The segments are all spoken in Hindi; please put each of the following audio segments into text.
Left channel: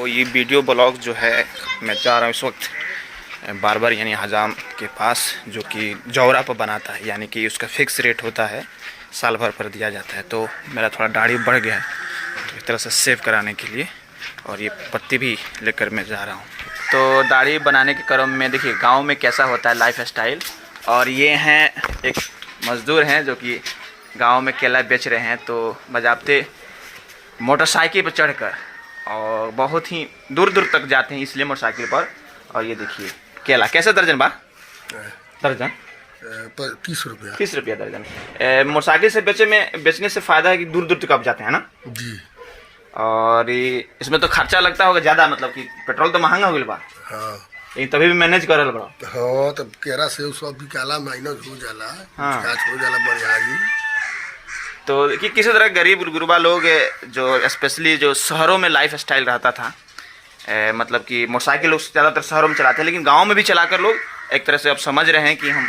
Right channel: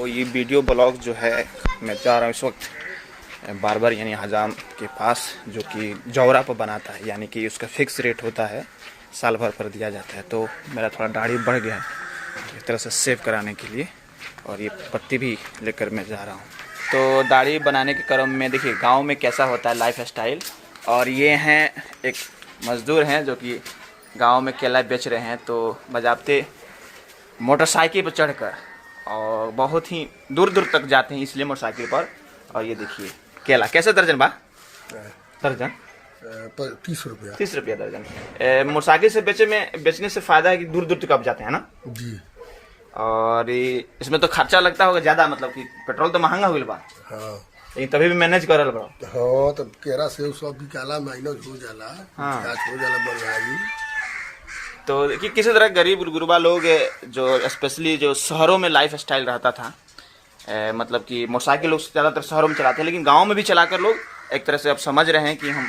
तो ये वीडियो ब्लॉग जो है मैं जा रहा हूँ इस वक्त बार्बर यानी हजाम के पास, जो कि जौरा पर बनाता है, यानी कि उसका फिक्स रेट होता है, साल भर पर दिया जाता है। तो मेरा थोड़ा दाढ़ी बढ़ गया है, तो इस तरह से सेव कराने के लिए, और ये पत्ती भी लेकर मैं जा रहा हूँ। तो दाढ़ी बनाने के क्रम में देखिए गांव में कैसा होता है लाइफ स्टाइल। और ये हैं एक मज़दूर हैं जो कि गांव में केला बेच रहे हैं। तो बजाते मोटरसाइकिल पर चढ़कर और बहुत ही दूर दूर तक जाते हैं, इसलिए मोटरसाइकिल पर। और ये देखिए केला कैसे दर्जन बा? दर्जन 30 रुपया। 30 रुपया दर्जन। मोटरसाइकिल से बेचने से फ़ायदा है कि दूर दूर तक आप जाते हैं ना जी। और इसमें तो खर्चा लगता होगा ज़्यादा, मतलब कि पेट्रोल तो महंगा हो गया बा। हाँ, लेकिन तभी भी मैनेज करल बड़ा। हाँ, तब केरा से सब बिकाला माइनस हो जाला। हाँ। हो जाला बढ़िया जी। तो कि किसी तरह गरीब गुरबा लोग जो स्पेशली जो शहरों में लाइफ स्टाइल रहता था, मतलब कि मोटरसाइकिल लोग ज़्यादातर शहरों में चलाते हैं, लेकिन गांव में भी चलाकर लोग एक तरह से अब समझ रहे हैं कि हम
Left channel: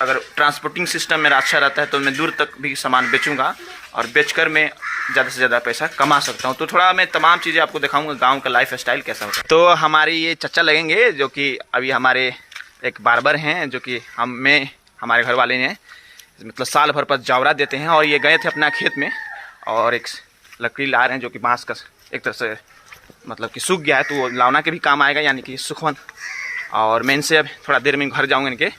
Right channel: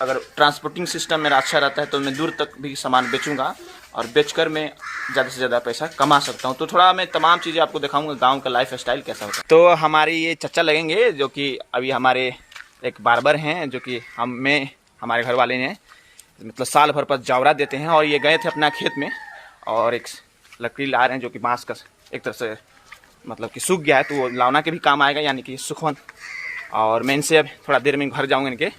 अगर ट्रांसपोर्टिंग सिस्टम मेरा अच्छा रहता है तो मैं दूर तक भी सामान बेचूंगा और बेचकर मैं ज़्यादा से ज़्यादा पैसा कमा सकता हूं। तो थोड़ा मैं तमाम चीज़ें आपको दिखाऊंगा गांव का लाइफ स्टाइल कैसा होता है। तो हमारे ये चचा लगेंगे जो कि अभी हमारे एक बार्बर हैं, जो कि हमारे घर वाले ने मतलब साल भर पर जौरा देते हैं। और ये गए थे अपना खेत में और एक लकड़ी ला रहे हैं जो कि बांस का एक तरह से मतलब कि सूख गया है, तो वो लावना के भी काम आएगा, यानी कि सुखवन। और मैं इनसे अब थोड़ा देर में घर जाऊँगा इनके,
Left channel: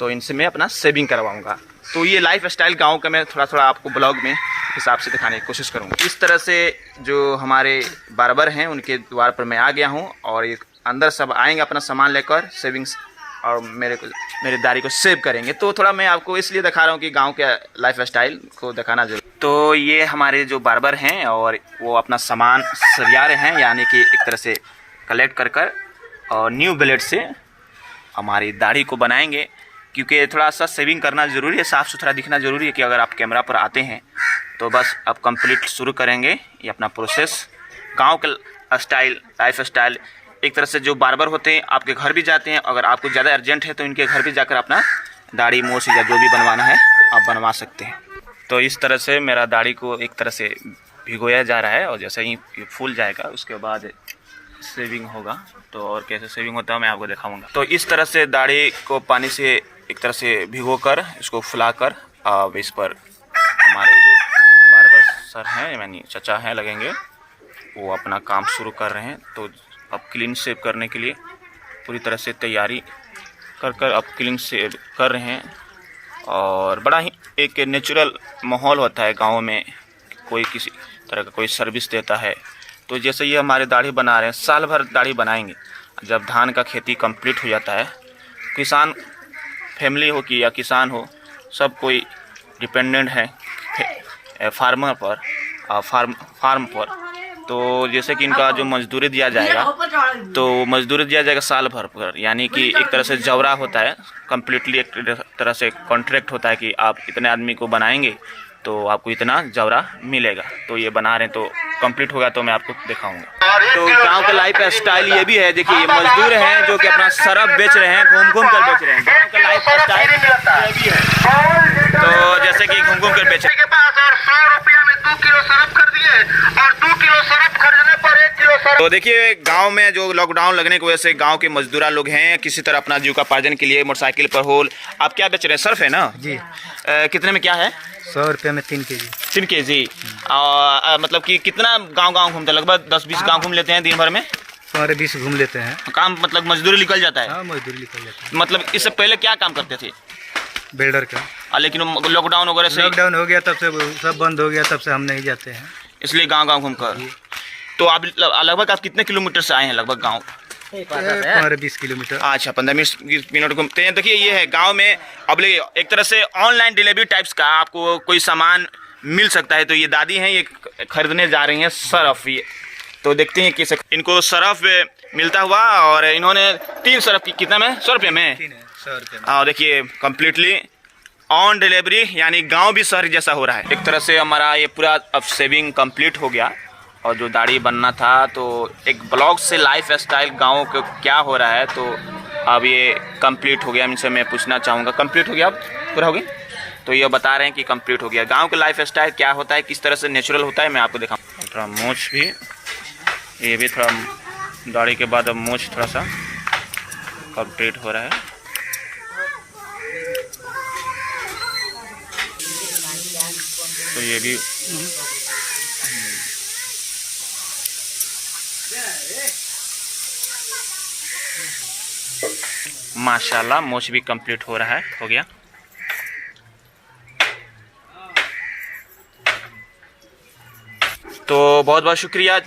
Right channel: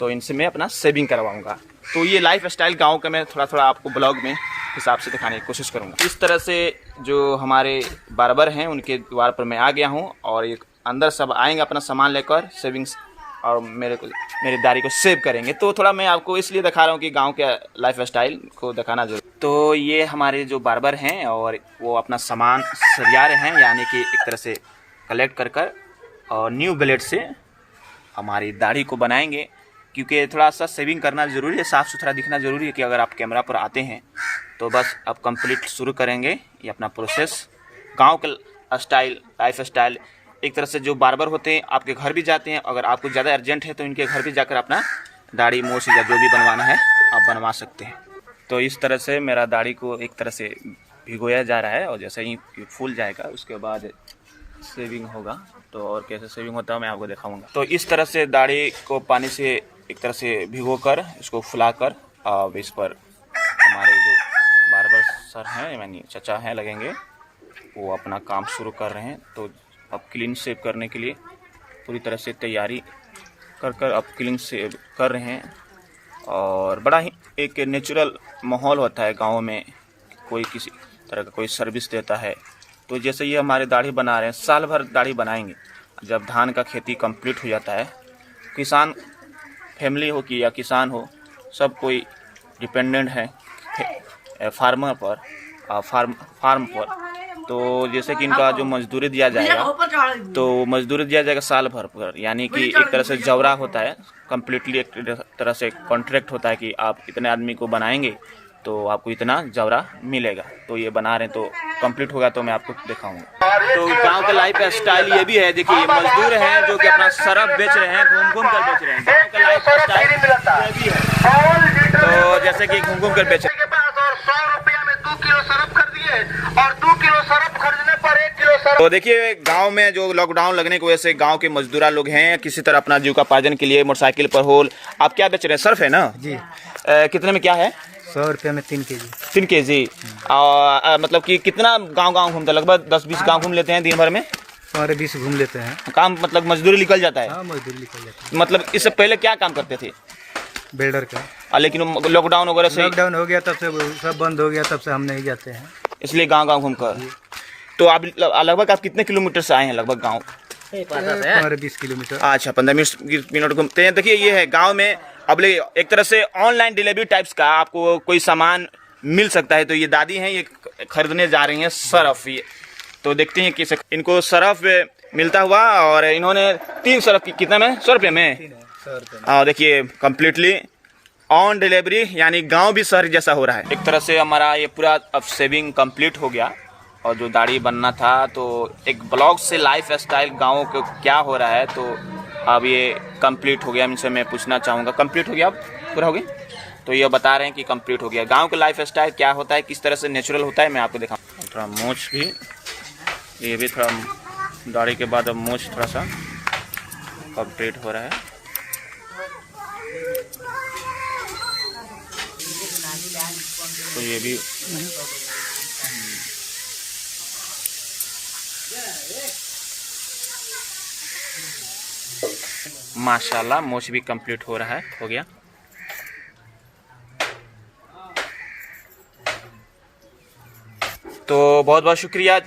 तो इनसे मैं अपना सेविंग करवाऊँगा। तो ये लाइफ स्टाइल गाँव का मैं थोड़ा थोड़ा आपको ब्लॉग में हिसाब से दिखाने की कोशिश करूँगा। इस तरह से जो हमारे बार्बर हैं उनके द्वार पर मैं आ गया हूँ और एक अंदर सब आएंगे अपना सामान लेकर सेविंग्स और मेरे दाढ़ी को सेव करेंगे। तो थोड़ा मैं आपको इसलिए दिखा रहा हूँ कि गांव के लाइफ स्टाइल को दिखाना जरूर। तो ये हमारे जो बार्बर हैं और वो अपना सामान सरिया रहे हैं, यानी कि एक तरह से कलेक्ट कर और न्यू ब्लेड से हमारी दाढ़ी को बनाएंगे, क्योंकि थोड़ा सा सेविंग करना ज़रूरी है, साफ़ सुथरा दिखना ज़रूरी है। कि अगर आप कैमरा पर आते हैं तो बस अब कंप्लीट शुरू करेंगे ये अपना प्रोसेस। गाँव का स्टाइल लाइफ स्टाइल एक तरह से जो बार्बर होते हैं आपके घर भी जाते हैं, अगर आपको ज़्यादा अर्जेंट है तो इनके घर भी जाकर अपना दाढ़ी मूछ या जो भी बनवाना है आप बनवा सकते हैं। तो इस तरह से मेरा दाढ़ी को एक तरह से भिगोया जा रहा है और जैसे ही ये फूल जाएगा उसके बाद सेविंग होगा। तो और कैसे सेविंग होता है मैं आपको दिखाऊंगा। तो इस तरह से दाढ़ी को पानी से एक तरह से भिगोकर इसको फुलाकर अब इस पर हमारे जो बार्बर सर हैं यानी चचा हैं लगेंगे, वो अपना काम शुरू कर रहे हैं। तो अब क्लीन शेव करने के लिए पूरी तरह से तैयारी कर अब क्लीन शेव कर रहे हैं। और बड़ा ही एक नेचुरल माहौल होता है गांव में, कोई किसी तरह का कोई सर्विस देता है। तो जैसे ये हमारे दाढ़ी बना रहे हैं, साल भर दाढ़ी बनाएंगे। जब धान का खेती कंप्लीट हो जाता है, किसान फैमिली हो कि या किसान हो, सब कोई डिपेंडेंट है फार्मर पर, फार्म पर। तो जैसे कि इनका जो मजदूरी दिया जाएगा, तो मजदूरी दिया जाएगा साल भर पर, यानी कि एक तरह से जौरा होता है, कम्प्लीटली एक तरह से कॉन्ट्रैक्ट होता है कि आप इतने आदमी को बनाएंगे तो आपको इतना जौरा मिलेगा। तो ये बना रहे हैं, तो कंप्लीट होगा तो मैं आपको दिखाऊंगा। तो गांव का लाइफ स्टाइल ये भी है, देखिए मजदूर हैं जो कि अपना सरफ बेच रहे हैं, घूम कर बेच रहे हैं। गांव का लाइफ स्टाइल ये भी है, तो जैसे कि घूम कर बेच रहे हैं। 100 रुपया में 2 किलो सरफ कर दिए और 2 किलो सरफ खरीदने पर 1 किलो सरफ। तो देखिए गांव में जो लॉकडाउन लगने की वजह से गांव के मजदूरा लोग हैं, किसी तरह अपना जीविकोपार्जन के लिए मोटरसाइकिल पर होल। आप क्या बेच रहे हैं? सर्फ है ना जी। कितने में क्या है? 100 रुपये में 3 केजी। 3 केजी। मतलब कि कितना गांव घूमते हैं? लगभग 10-20 गांव घूम लेते हैं दिन भर में? 20 घूम लेते हैं। काम मतलब मजदूरी निकल जाता है? हाँ, मजदूरी निकल जाता है। मतलब इससे पहले क्या काम करते थे? बिल्डर का। लेकिन लॉकडाउन वगैरह से लॉकडाउन हो गया तब से सब बंद हो गया, तब से हम नहीं जाते हैं, इसलिए गांव घूमकर। तो आप लगभग आप कितने किलोमीटर से आए हैं? लगभग गांव 15-20 किलोमीटर। अच्छा, 15-20 मिनट घूमते हैं। देखिए ये है गांव में अब एक तरह से ऑनलाइन डिलीवरी टाइप्स का आपको कोई सामान मिल सकता है। तो ये दादी हैं, ये खरीदने जा रही हैं सरफ। ये तो देखते हैं कि इनको सरफ मिलता हुआ, और इन्होंने 3 सरफ की कितना में? 100 रुपये में। 100 रुपये में। और देखिए कम्प्लीटली ऑन डिलीवरी, यानी गांव भी शहर जैसा हो रहा है। एक तरह से हमारा ये पूरा अब सेविंग कंप्लीट हो गया और जो दाढ़ी बनना था, तो एक ब्लॉग से लाइफ स्टाइल गाँव को क्या हो रहा है, तो अब ये कंप्लीट हो गया। इनसे मैं पूछना चाहूँगा, कंप्लीट हो गया? अब पूरा हो गया? तो ये बता रहे हैं कि कंप्लीट हो गया। गांव का लाइफ स्टाइल क्या होता है, किस तरह से नेचुरल होता है, मैं आपको दिखाऊँ। थोड़ा मूछ भी, ये भी थोड़ा दाढ़ी के बाद अब मूछ थोड़ा सा कंप्लीट हो रहा है। तो ये भी माशाल्लाह मूछ भी कंप्लीट हो रहा है, हो गया। तो बहुत बहुत शुक्रिया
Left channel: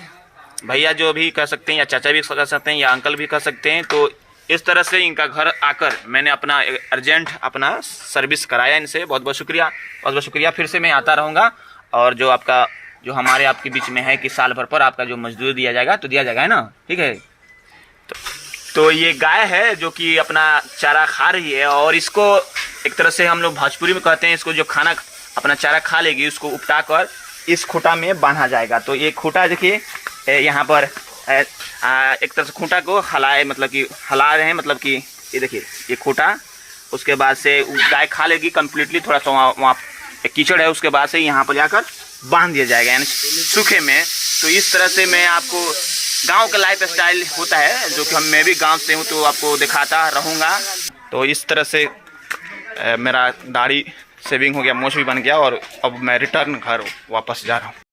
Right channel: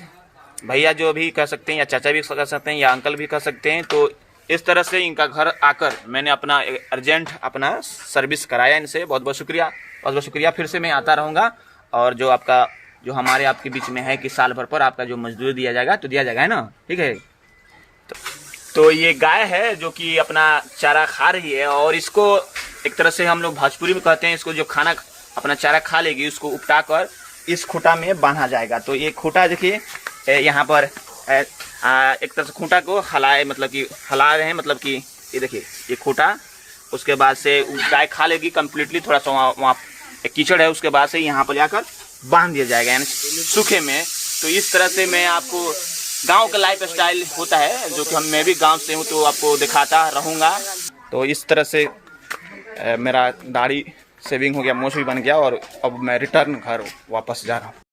भैया, जो भी कह सकते हैं, या चाचा भी कह सकते हैं, या अंकल भी कह सकते हैं। तो इस तरह से इनका घर आकर मैंने अपना अर्जेंट अपना सर्विस कराया इनसे। बहुत बहुत शुक्रिया, बहुत बहुत शुक्रिया। फिर से मैं आता रहूँगा। और जो आपका जो हमारे आपके बीच में है कि साल भर पर आपका जो मजदूरी दिया जाएगा तो दिया जाएगा, है ना? ठीक है। तो ये गाय है जो कि अपना चारा खा रही है, और इसको एक तरह से हम लोग भोजपुरी में कहते हैं, इसको जो खाना अपना चारा खा लेगी उसको उपटा कर इस खूंटा में बांधा जाएगा। तो ये खूंटा देखिए यहाँ पर एक तरह से खूंटा को हलाए, मतलब कि हला रहे हैं, मतलब कि ये देखिए ये खूंटा, उसके बाद से गाय खा लेगी कम्प्लीटली। थोड़ा सा वहाँ कीचड़ है, उसके बाद से यहाँ पर जाकर बांध दिया जाएगा, यानी सूखे में। तो इस तरह से मैं आपको गांव का लाइफ स्टाइल होता है, जो कि मैं भी गांव से हूँ, तो आपको दिखाता रहूँगा। तो इस तरह से मेरा दाढ़ी शेविंग हो गया, मूछ भी बन गया, और अब मैं रिटर्न घर वापस जा रहा हूँ।